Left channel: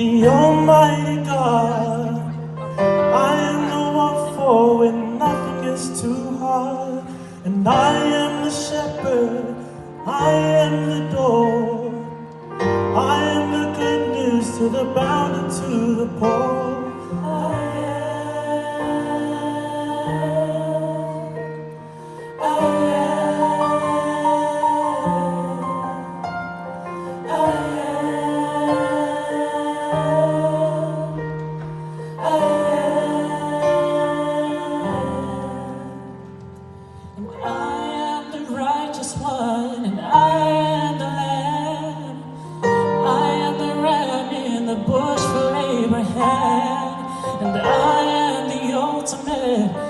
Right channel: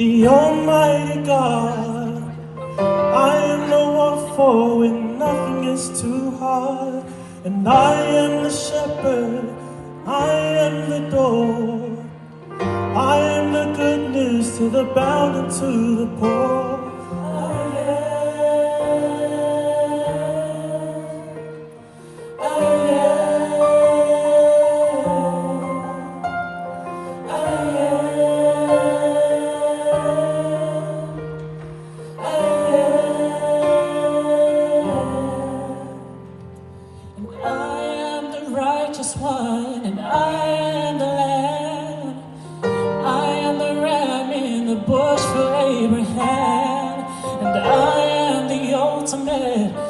the Almighty God. I am the one for when nothing is too hard. And I am the shepherd, I am the door. I am the good news to the bound and to the poor. I am the righteous one, and I am the lamb. I am the ram in the bush for Abraham, and I am the ultimate